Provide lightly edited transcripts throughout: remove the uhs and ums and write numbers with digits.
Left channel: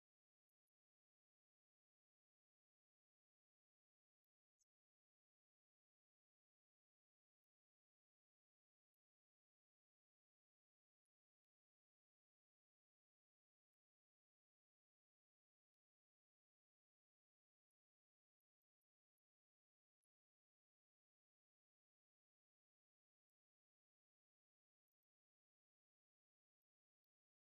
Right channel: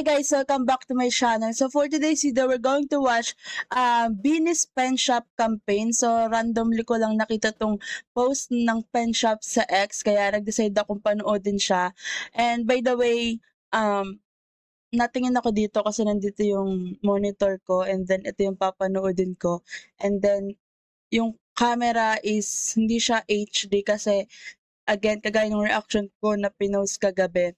Hi guys, welcome back to my channel. So for today's video, we're going to watch Beanie's Pen Shop campaign. So randomly ko lang nakita tong post ng Pen Shop sa X, kaya nag-decide akong panoodin siya. And by the way, natingin ako dito kasi nandito yung monitor ko, and then ito yung papanoodin ko. And then yung camera is hindi siya HD kasi again, kagaya ng reaction ko na pinost kagabi.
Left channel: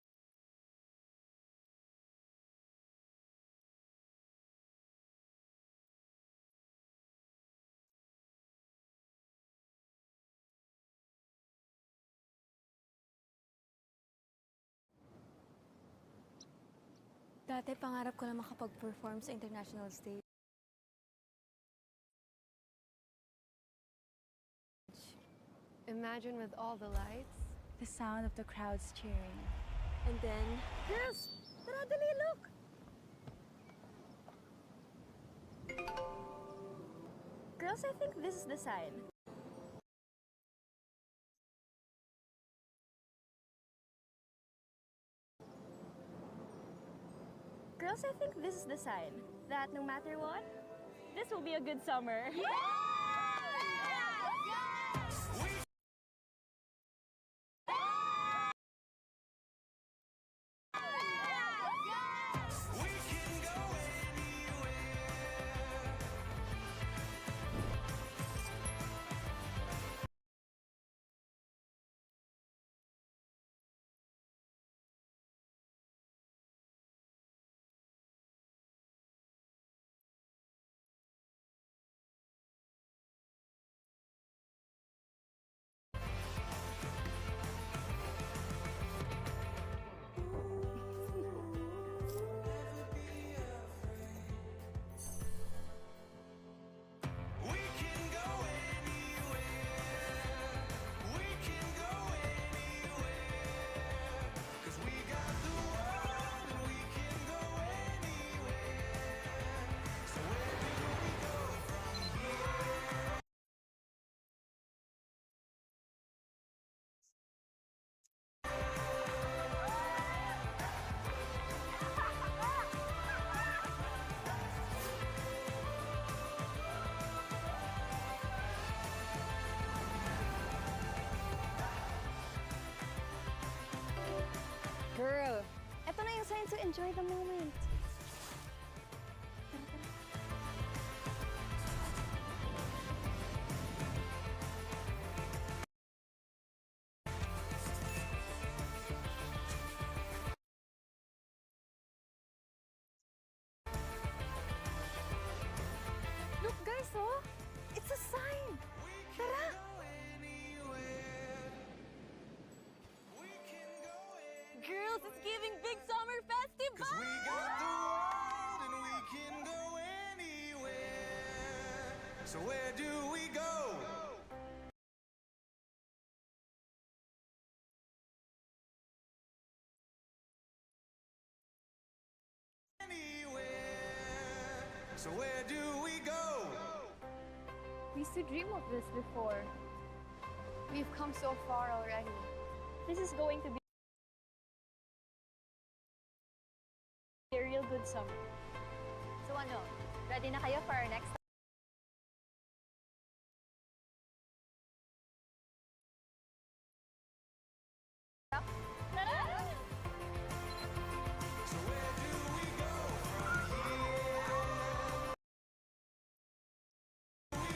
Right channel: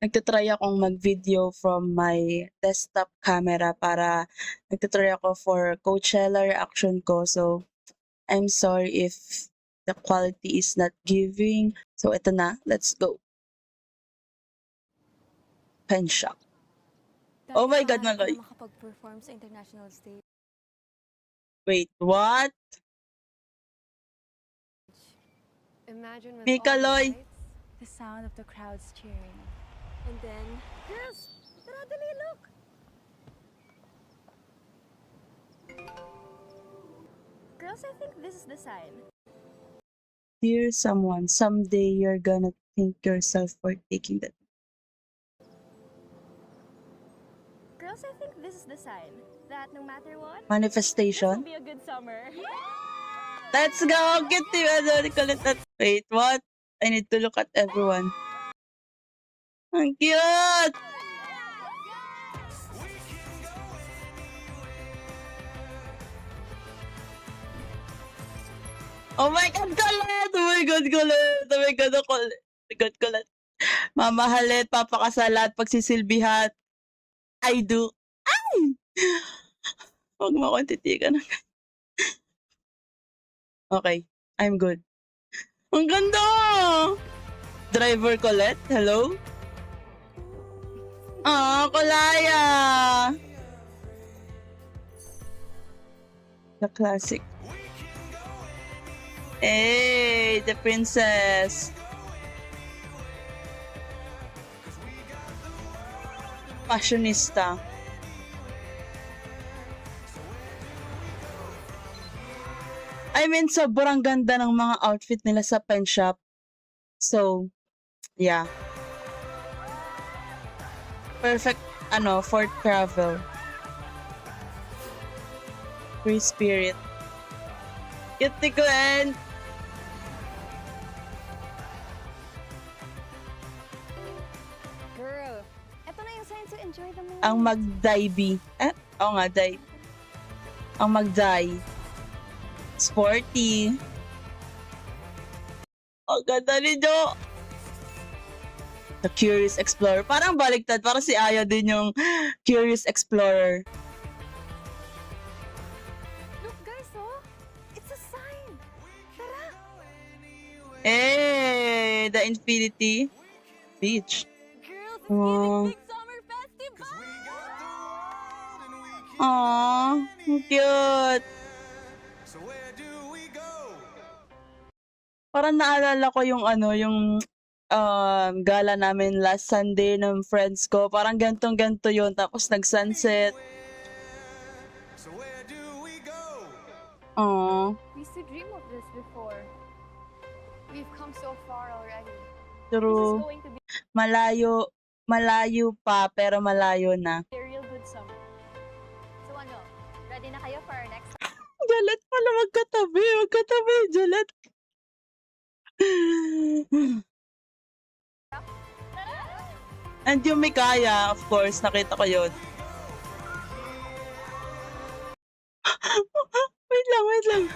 Nagta-try akong mag-video from my desktop camera para nagta-try ako for Coachella reaction ko. So, I'm sorry if the quality is not giving. So, ito na. Let's go. Pen Shop. Oh my God, Dati pangarap ko Maloy. na makapag-perform sa international stage. Wait, what? Imagine with Mika all the Loy. lights, the sound of the crowds cheering. And then, girls, tara dali, look! Girls, I think this is the sign. Dear someone, someday you're gonna thank yourself for taking that. Girls, I think this is the sign that no matter what, this Manifestation. will be a good summer. Let's go! Get to Wait, what? I need to look at everyone. Ang cute! Oh my God, kulit! Oh my God, kulit! Oh my God, kulit! Oh my God, kulit! Mamahalit, papakasalat, pagsisilbihat. I do. Ay! Huwag mo akong titigan. Okay, I'm good. Ang ganda! Driver Colette, hello? Kulaya! The classic. Hey, the princess. Fashionista. I mean, sobrang ganda ng mga outfit nila sa Pen Shop. So, yeah. Perfect, for travel. Free spirit. Cute ni Glenn. Girl, eto na yung sign to enjoy the moment. Ang mag-dive. Oo nga, dive. Ang mag-dive. Sporty. Ang ganda ni Jo. The Curious Explorer. Parang baliktad. Parang si Aya din yung Curious Explorer. Look guys, oh! It's a sign! Tara! Eh, the Infinity Beach. Girls, it's giving big summer festival! Aww, cute. So where do we go? Parang naalala ko yung gala namin last Sunday ng friends ko. Parang gantong-ganto yun. Tapos nag-sunset. So where do we go? Aww. We used to dream of this before. We've come so far already. This is True. going to be Malayo pa, pero malayo na. a real good summer. So ano, ready na kayo for our next Jalet pala, magkatabi, Jalet. And yung Mikaya, of course, nakita ko yun. Wait lang.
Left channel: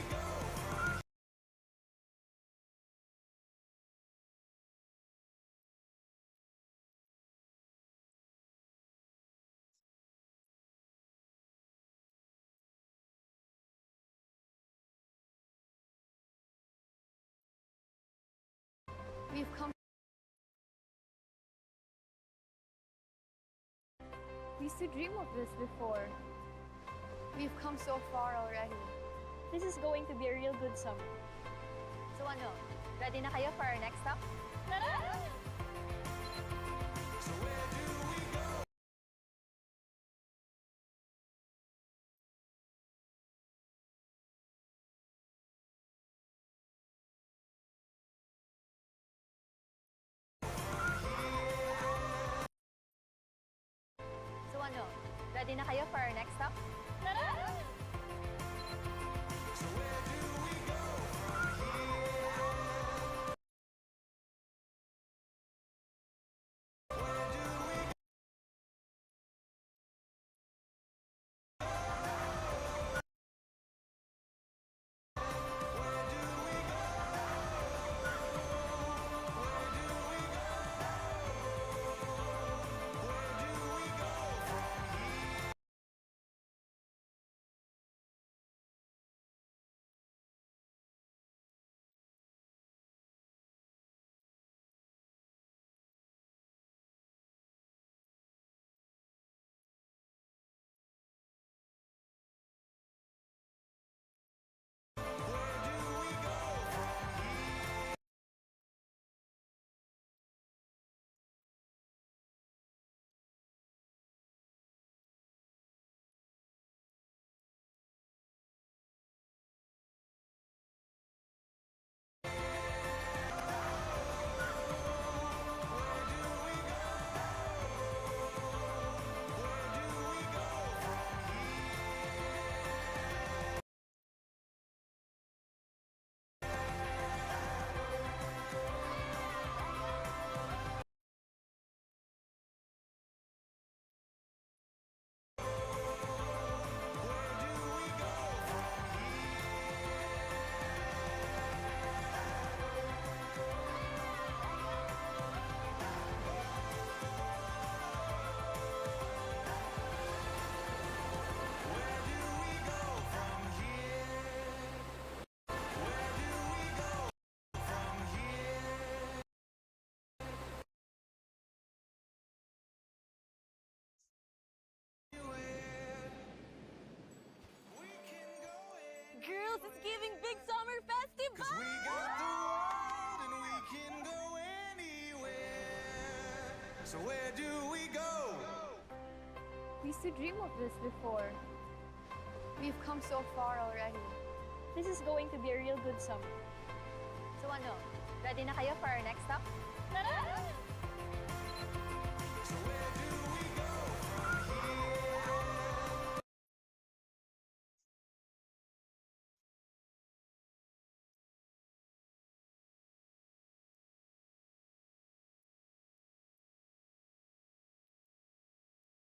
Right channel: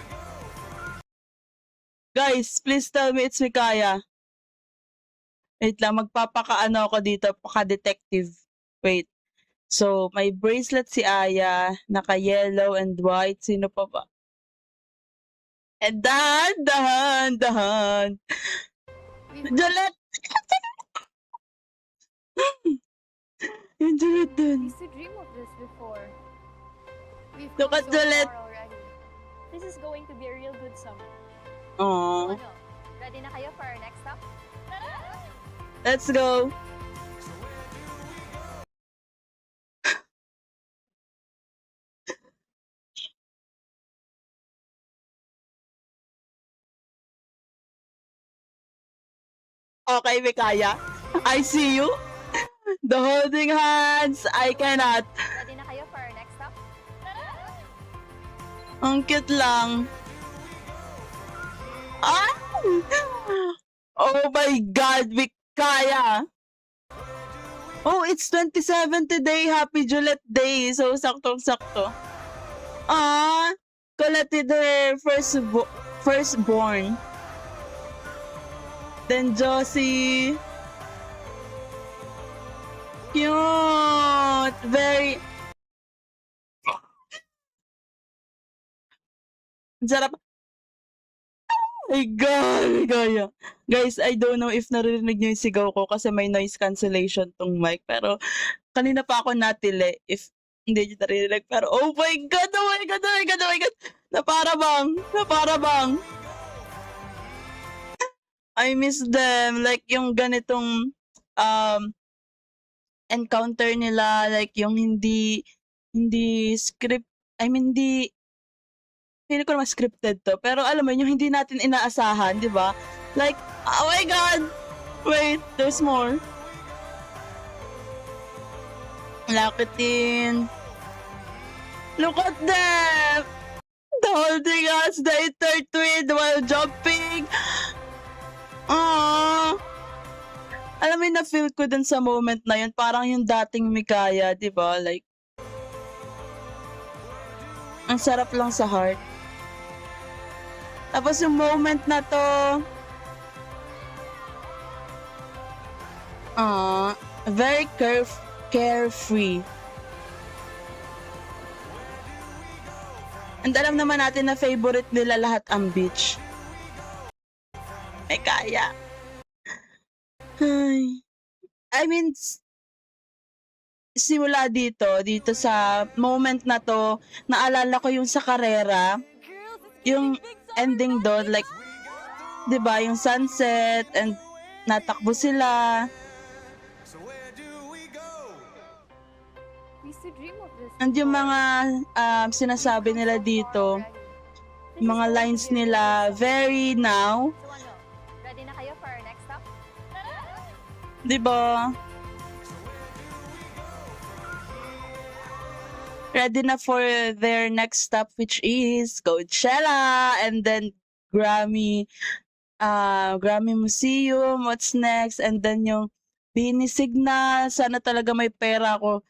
Guys, please tell me it's Mikaya. Wait lang, magpapakaano ako dito, paka-detective. Wait. So, may bracelet si Aya, naka-yellow and white. Sino pa ba? And dahan. Jalet! Yung Jalet dun. We used to dream of this before. We've Look come at so Jalet. far already. This is going to be a real good summer. So Aww. ano, ready na kayo for our next stop? Let's go. So where do we go? Okay, Mikaya. I see you. The holding hands, I cannot. Ready na kayo for our next stop? Ang cute lang. Ah! Oh my God, we kaya. Oh, it's 27 today. Happy Juliet Day. So, saktong-sakto. Ah, Colette their firstborn. Then Josie. Cute. Very. Ang sarap. My God, kaya. Guys, I don't know if naririnig niyo yung sigaw ko kasi may noise cancellation tong mic. Pero kanina pa ako natili if hindi niyo naririnig. Pero oh my God, oh my God, oh my God, oh my God. Na para bang. I miss them. Like yung ganitong encounter nila. Like yung hindi script. I mean, hindi feeling ko naman scripted to. Pero alam mo yun, yung hindi natin inaasahan, di ba? Like, oh my God! Wait, there's more. Lakitin. Look at them! The holding us, the intertwined while jumping. Aww. Alam mo yun, na-feel ko dun sa moment na yun, parang yung dating Mikaya, di ba? Like, ang sarap lang sa heart. Tapos yung moment na to, very carefree. And alam naman natin na favorite nila lahat ang beach. May kaya. Ay. I mean, simula dito sa moment na to, naalala ko yung sa karera, Girls, it's yung getting big summer ending doon, like, di ba, yung sunset, and natakbo sila. So where do we go? We used to dream of this And yung before. mga sinasabi We've come nila so far dito, already. This is mga going to lines be a really nila, good summer. very now, So ano, ready na kayo for our next stop? di ba? Ready na for their next stop, which is Coachella, and then Grammy Museum, what's next, and then yung Bini Signal. Sana talaga may pera ako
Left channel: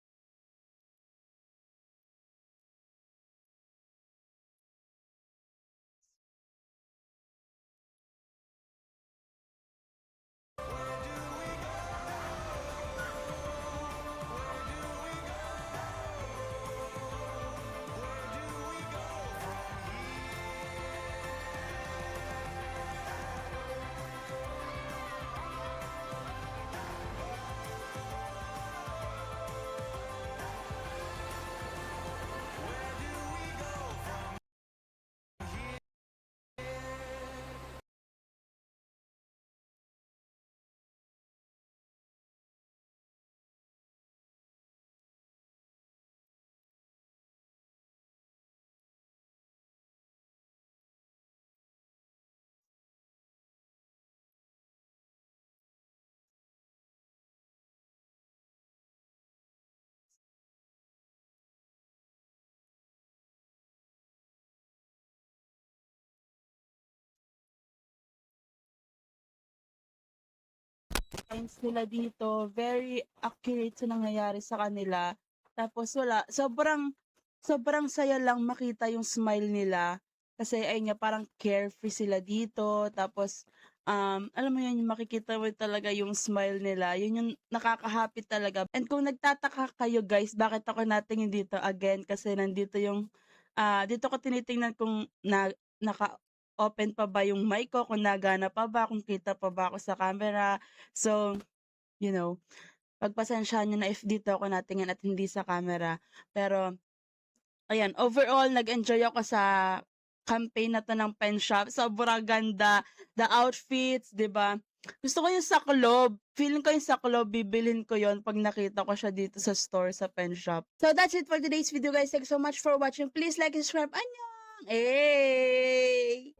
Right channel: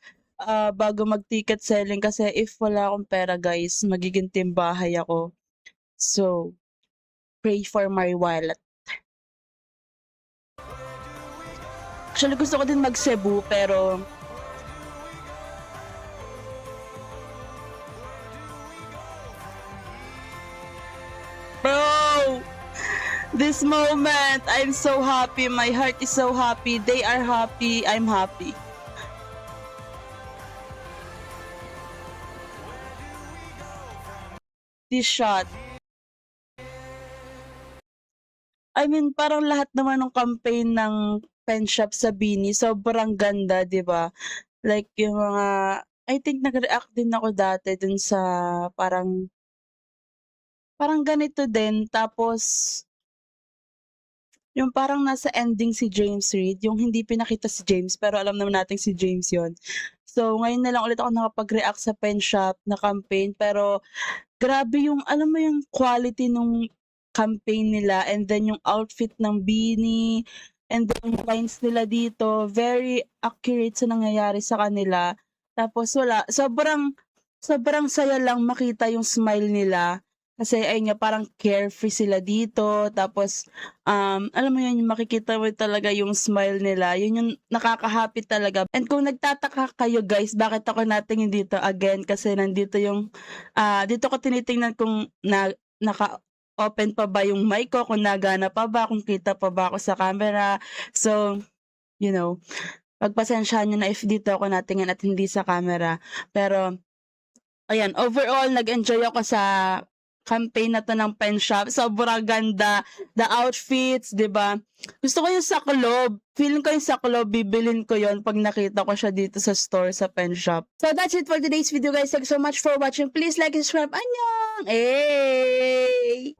bago mag-ticket selling kasi if wala akong pera, guys, magiging timbahay ako. So, pray for my wallet. Actually, gusto ko din mag-Cebu, pero bro, this moment, I'm so happy. My heart is so happy. They are happy. I'm happy. This shot. I mean, parang lahat naman ng campaign ng pen shop sa Bini, sobrang ganda, di ba? Like, yung mga, I think nag-react din ako dati dun sa parang ganito din. Tapos, yung parang nasa ending si James Reid, yung hindi pinakita si James, pero alam naman natin si James yon. So, ngayon na lang ulit ako nakapag-react sa pen shop na campaign, pero grabe yung, alam mo yung quality nung campaign nila, and then yung outfit ng Beanie, and then yung lines nila dito, very accurate sa nangyayari sa kanila. Tapos wala, sobrang saya lang makita yung smile nila. Kasi ayun nga, parang carefree sila dito. Tapos, alam mo yun, yung makikita mo talaga yung smile nila. Yun yung nakaka-happy talaga. And kung nagtataka kayo, guys, bakit ako natingin dito again? Kasi nandito yung, dito ko tinitingnan kung naka-open pa ba yung mic ko, kung nagana pa ba, kung kita pa ba ako sa camera. So, you know, pagpasensyahan nyo na if dito ako natingin at hindi sa camera. Pero, ayan, overall, nag-enjoy ako sa campaign na to ng pen shop. Sobrang ganda. The outfits, di ba? Gusto ko yung saklob. Feeling ko yung saklob, bibilin ko yon pag nakita ko siya dito sa store sa pen shop. So that's it for today's video, guys. Thanks so much for watching. Please like and subscribe. Annyeong! Hey!